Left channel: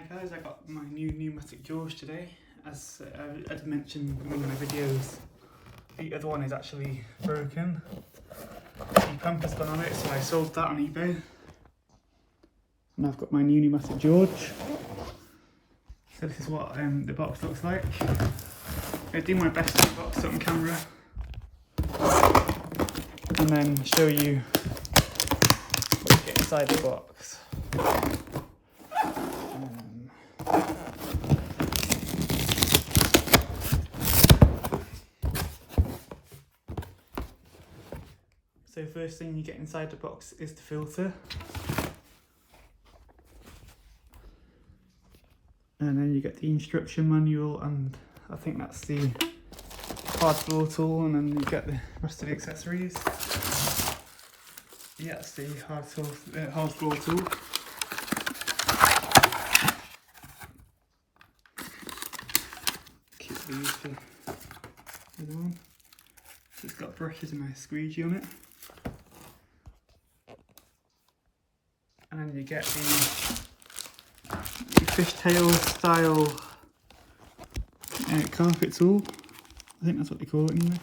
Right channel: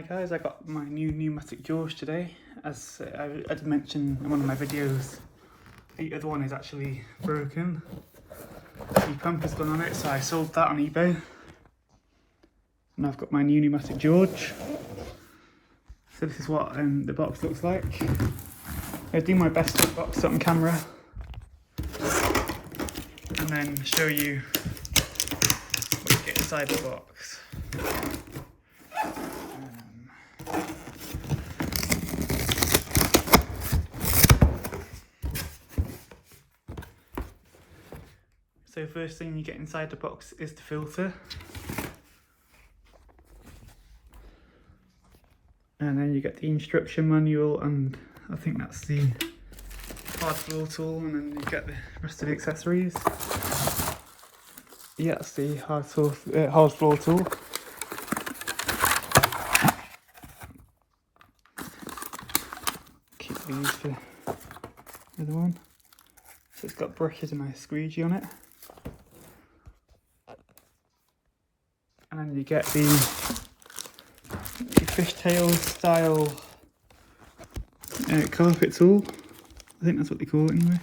Hi guys, I got my new Numatic jaws today. As I mentioned in one of my videos, the other one is actually broken. The pump has gone on it, so I sold that on eBay. And I've got my new Numatic George. So this is what the box looks like. I do my best to box it on camera and then show you what you get inside the box. So first thing you get inside the box is the filter. And then you get the instruction manual, and I think that's the hard floor tool, and then you get the rest of the accessories. Yeah, that's the hard floor tool. Keep these for the other one. So it's got brushes and a squeegee on it. And then you get the fishtail style carpet tool. I think that's what they call it anyway.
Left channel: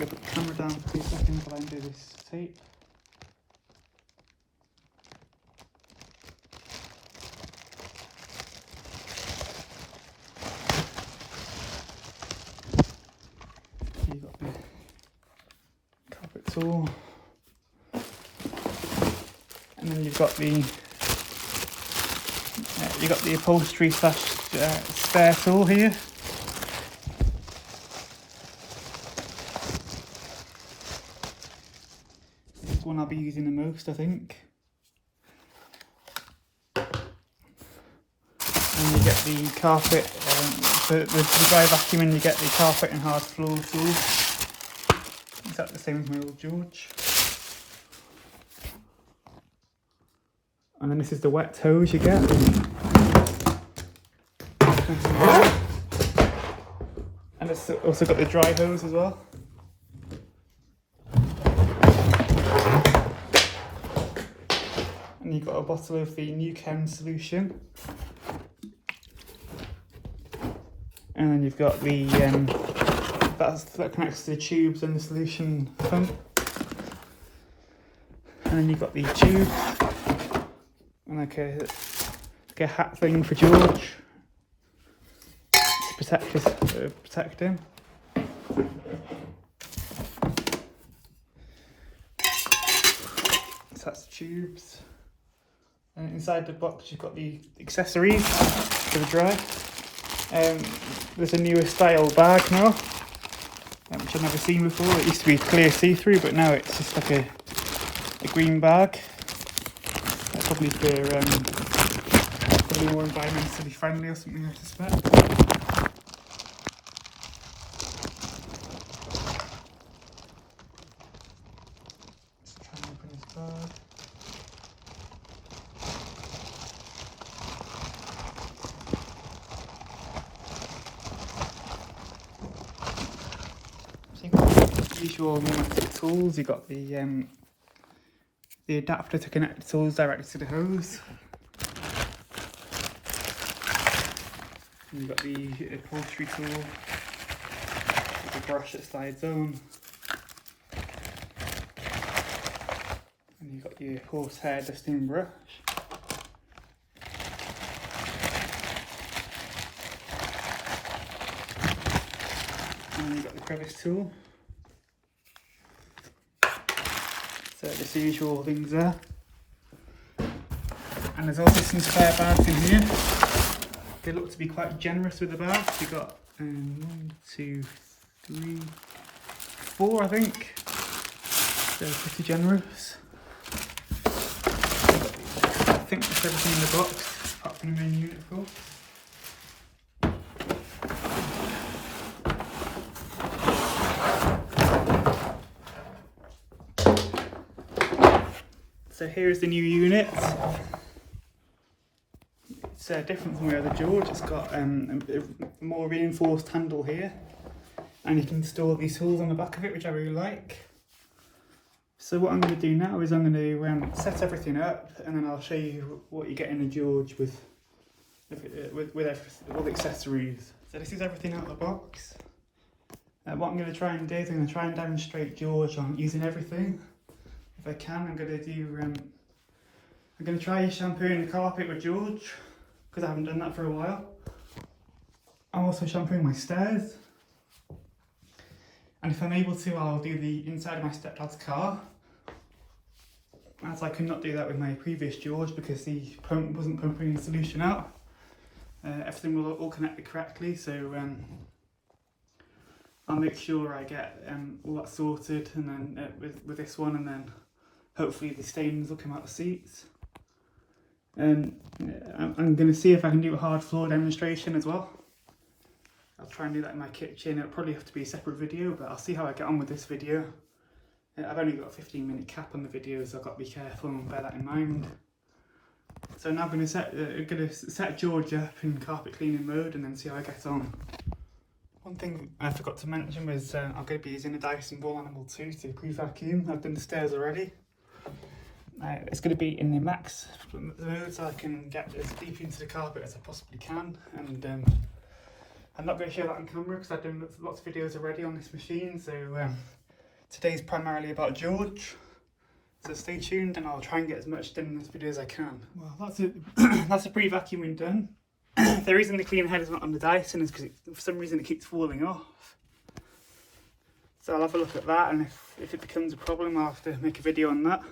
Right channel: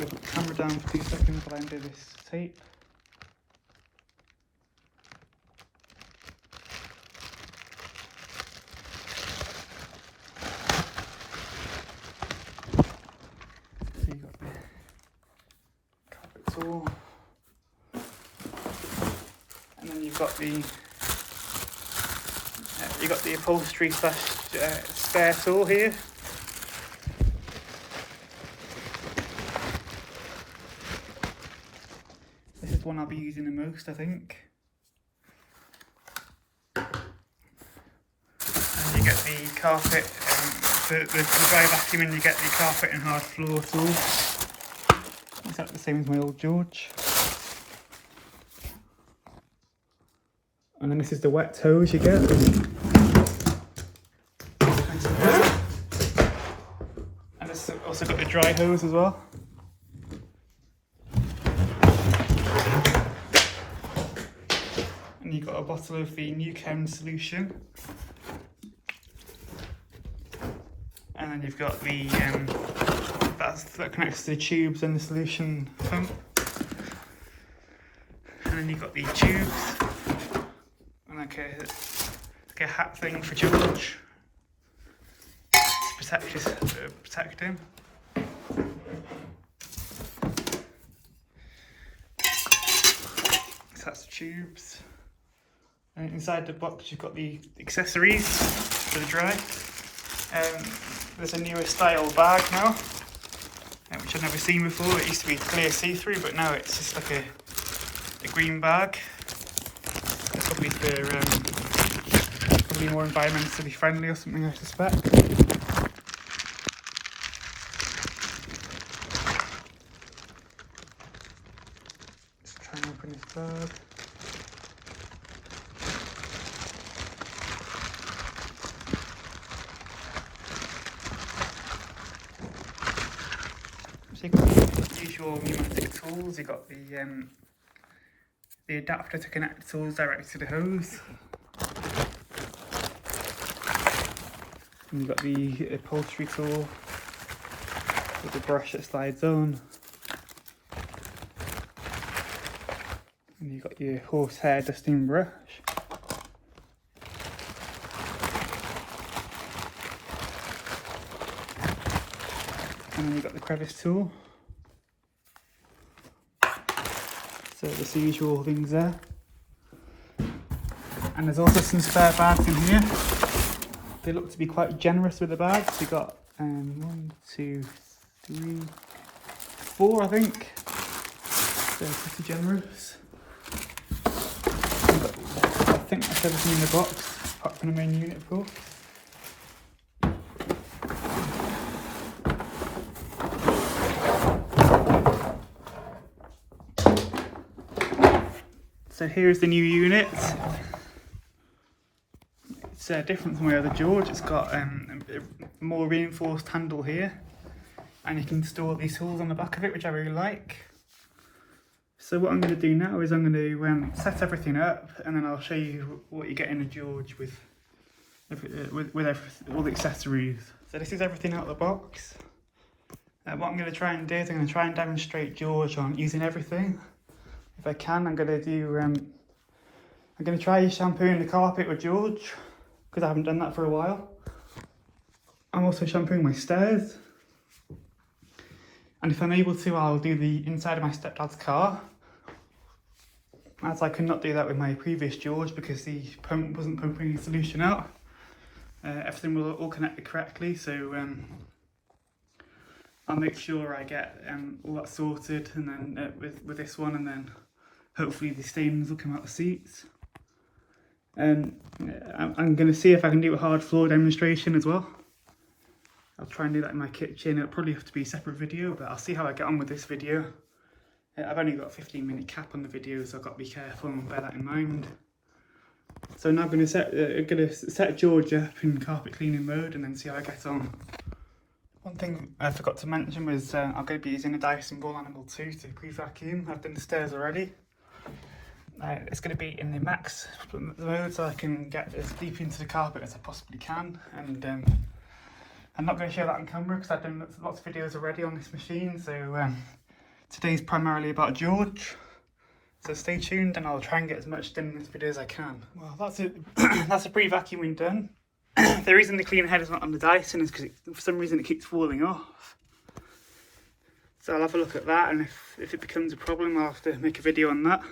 I'll put the camera down for 2 seconds while I undo this tape. So you've got the carpet tool. And then you've got the upholstery spare tool here. This is one I'll be using the most, I think. And you get the carpet, the dry vacuum, and you get the carpet and hard floor tool. Exactly the same as my old George. And then this is the wet hose you get. And it's also got the dry hose as well. And you've got a bottle of the Numatic solution. And then you've got the, that connects to the tubes and the solution pump. And then you've got the tubes. And like a hat thing for George to protect him. So that's the tubes. And inside the box you've got the accessories for the dry. There's a newer style bag now, which I've never seen before. It used to be clear see-through, but now it's just like a green bag. Probably for probably more environmentally friendly or something, I suspect. Just try and open this bag. So you've got the usual Numatic tools. You've got the adapter to connect the tools directly to the hose. And you've got the upholstery tool with the brush that slides on. And you've got your horsehair dusting brush. And then you've got the crevice tool. So there's the usual things there. And there's also some spare bags in here. They look to be quite generous with the bags. You've got 1, 2, 3, 4 I think. They're pretty generous. I think that's everything in the box, apart from the main unit of course. So here's the new unit. It's different from my other George. It's got a more reinforced handle here, and you can store these tools on the back of it, which I really like. So what I'm going to do now is I'm going to set everything up, and then I'll show you what you get in a George with all the accessories. So this is everything out of the box. What I'm going to try and do is I'm going to try and demonstrate George on using everything. If I can, I'm going to try shampooing the carpet with George, because I haven't done that for a while. I'm also shampooing my stairs. And if I'm able to, I'll do the inside of my stepdad's car, as I could not do that with my previous George because the pump wasn't pumping the solution out. Everything will all connected correctly, so I'll make sure I get all that sorted, and then with this one, and then hopefully the stains will come out the seats. I'm going to see if I can do a hard floor demonstration as well. I'll try and do that in my kitchen. It'll probably have to be a separate video, but I'll see how I get on with this video. I've only got a 15-minute cap on the video, so I've got to be careful and bear that in mind. So now I'm going to set George up in carpet cleaning mode and then see how I get on. One thing I forgot to mention was I'm going to be using a Dyson Ball Animal 2 to pre-vacuum. I've done the stairs already. It's going to be in the max mode, so I can get as deep into the carpet as I possibly can. And I'm not going to show that on camera because I've done lots of videos already on this machine. So today's primarily about George. So stay tuned, and I'll try and get as much done in this video as I can. Well, that's it. That's the pre-vacuuming done. The reason the clean head is not on the Dyson is because for some reason it keeps falling off. So I'll have a look at that, and if it becomes a problem, I'll have to make a video on that.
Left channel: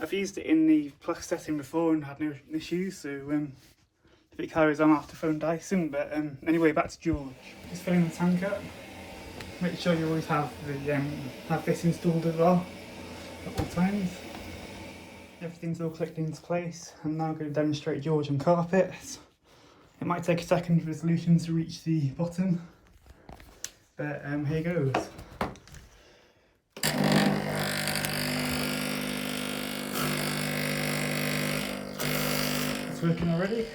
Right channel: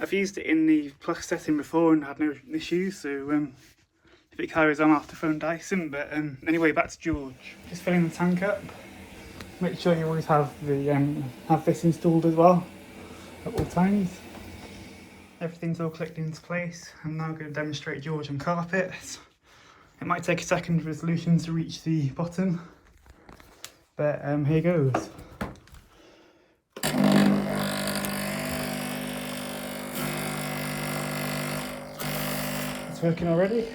I've used it in the plus setting before and had no issues, so if it carries on, I'll have to phone Dyson. But anyway, back to George. Just filling the tank up. Make sure you always have this installed as well at all times. Everything's all clicked into place. I'm now going to demonstrate George on carpet. It might take a second for the solution to reach the bottom, but here goes. It's working already.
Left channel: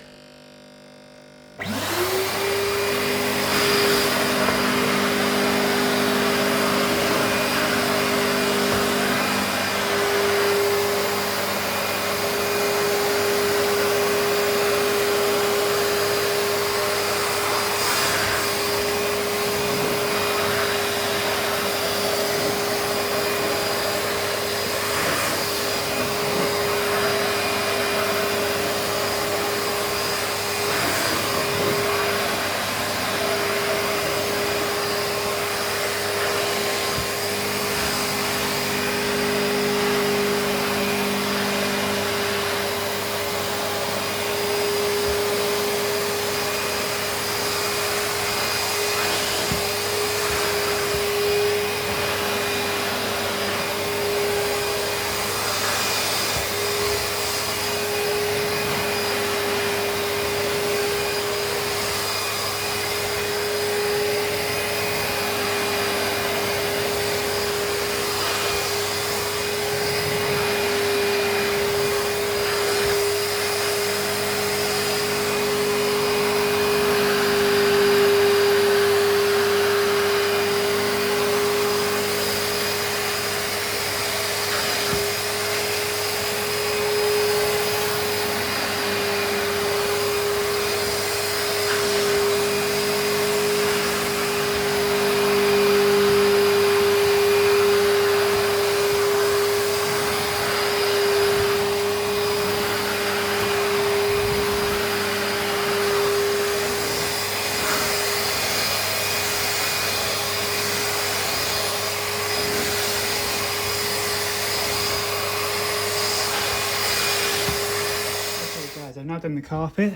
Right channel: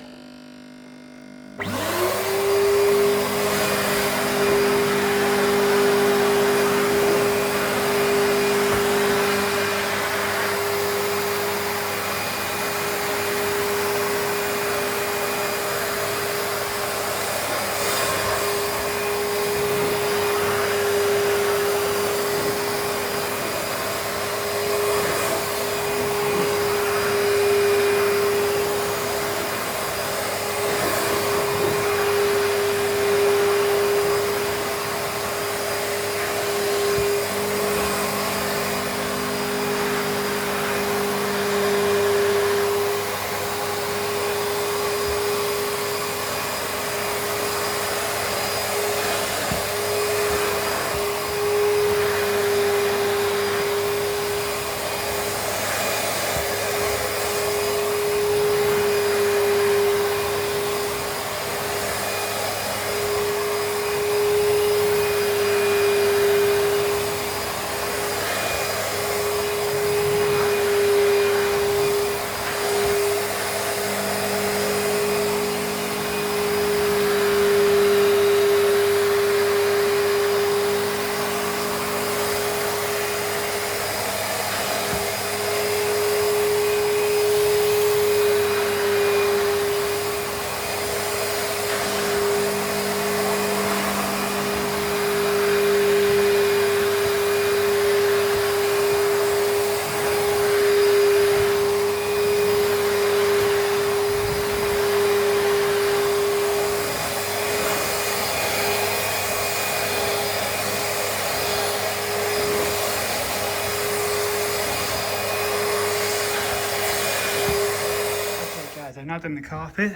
I've now done the carpet.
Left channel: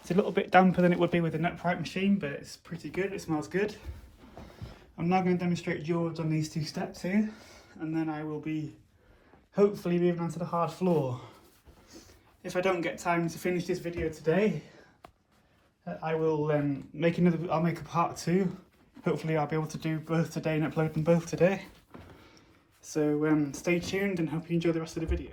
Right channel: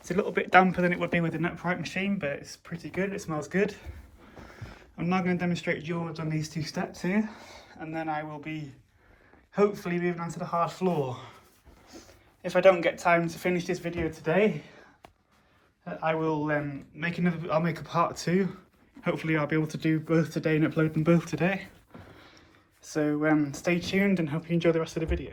It's a little bit damper than it would be with an upright machine, but it's pretty good, it smells good. I'm now going to demonstrate George on these two steps here, and then I will be hopefully moving on to the hard floor. If I don't get time to finish this video today, I will I'll make a part 2. Hopefully I'll be able to do both today and upload them both today. So stay tuned and hope you enjoy the rest of the video.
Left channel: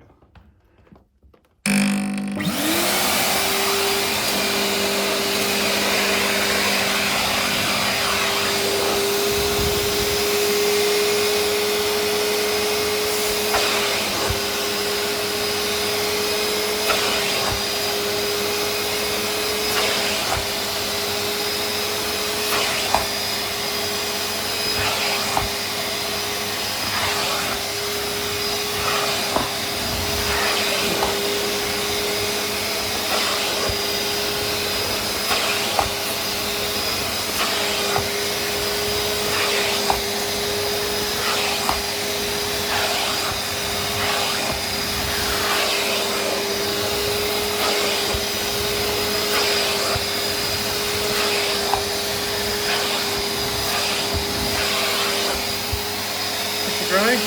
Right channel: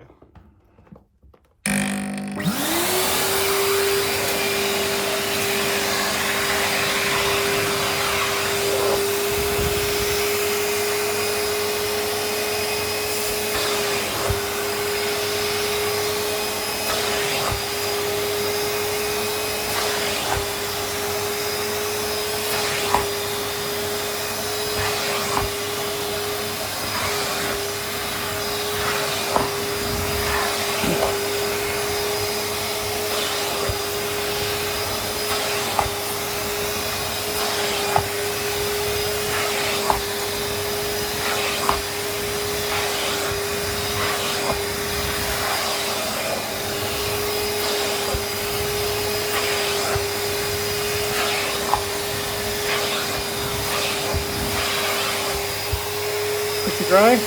dry.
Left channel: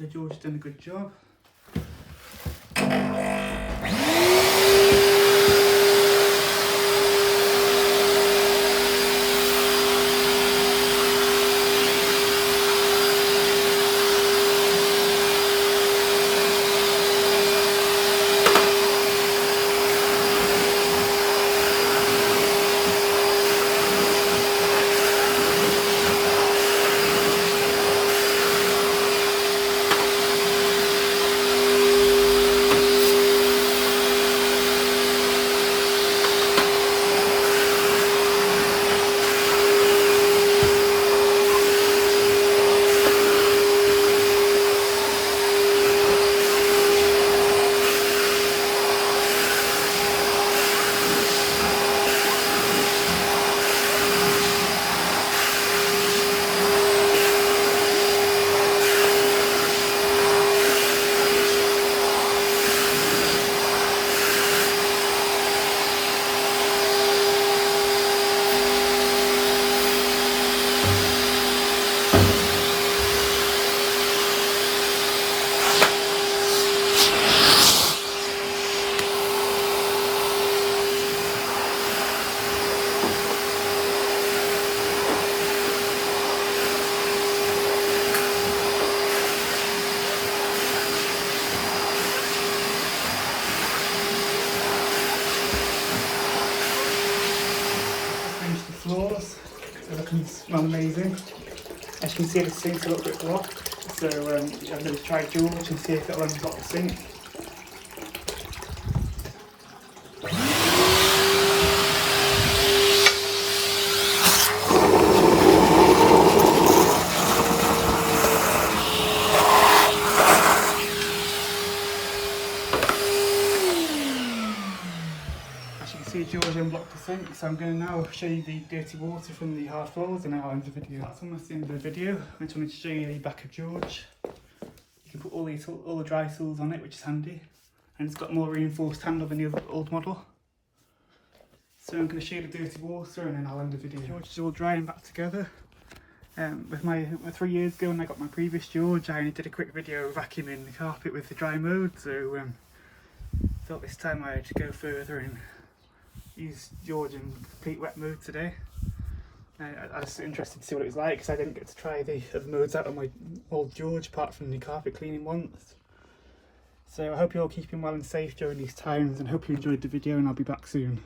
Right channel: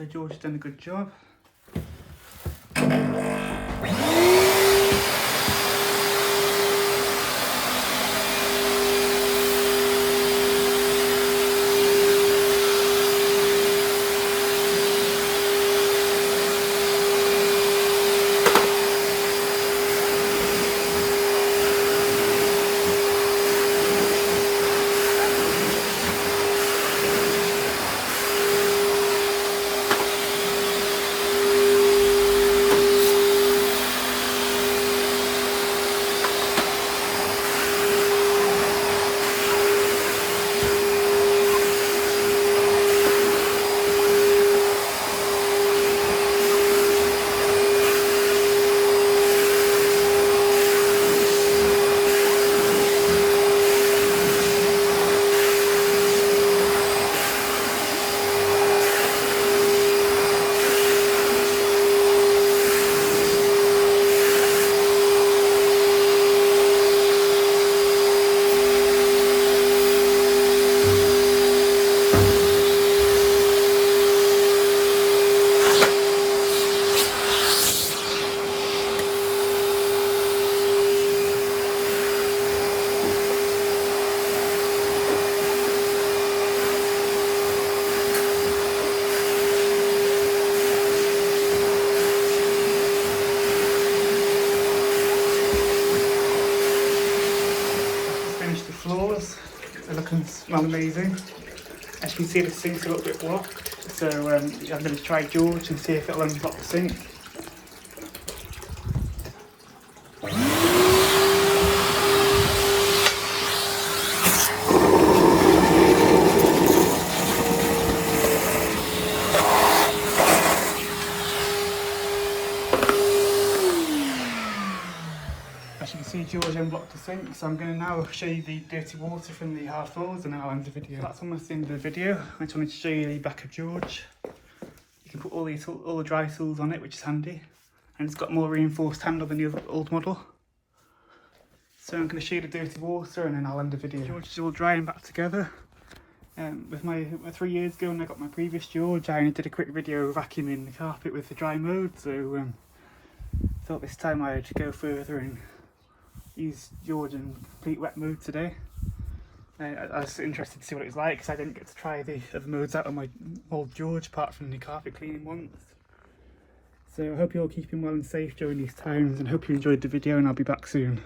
So George has done a good job. Floors, they're looking smell amazing. As you can see, the sink's a little bit blocked, so I'm going to try George and see if it'll unblock the sink. As you can see, George unblocked the sink, so I'm going to now show you the dirty water from the hard floors and then I'll end the video. That's almost the end of the video. I just wanted to show you the back of George. You can put all the dry tools on it, which is handy, and it's got more reinforced handle than the old model. So I'm going to show you the dirty water and then I'll end the video. George is all dry and back together. With my 3 years ago when I got my previous George, I only did a quick video vacuuming the carpet with the dry mode, so thought this time I'd go further and use George in complete wet mode today. I was interested to see what it was like because I didn't get to try the other modes out on my old George apart from the carpet cleaning once. So I hope you're all keeping well and safe during these times and hope you enjoyed the video, and I'll be back soon.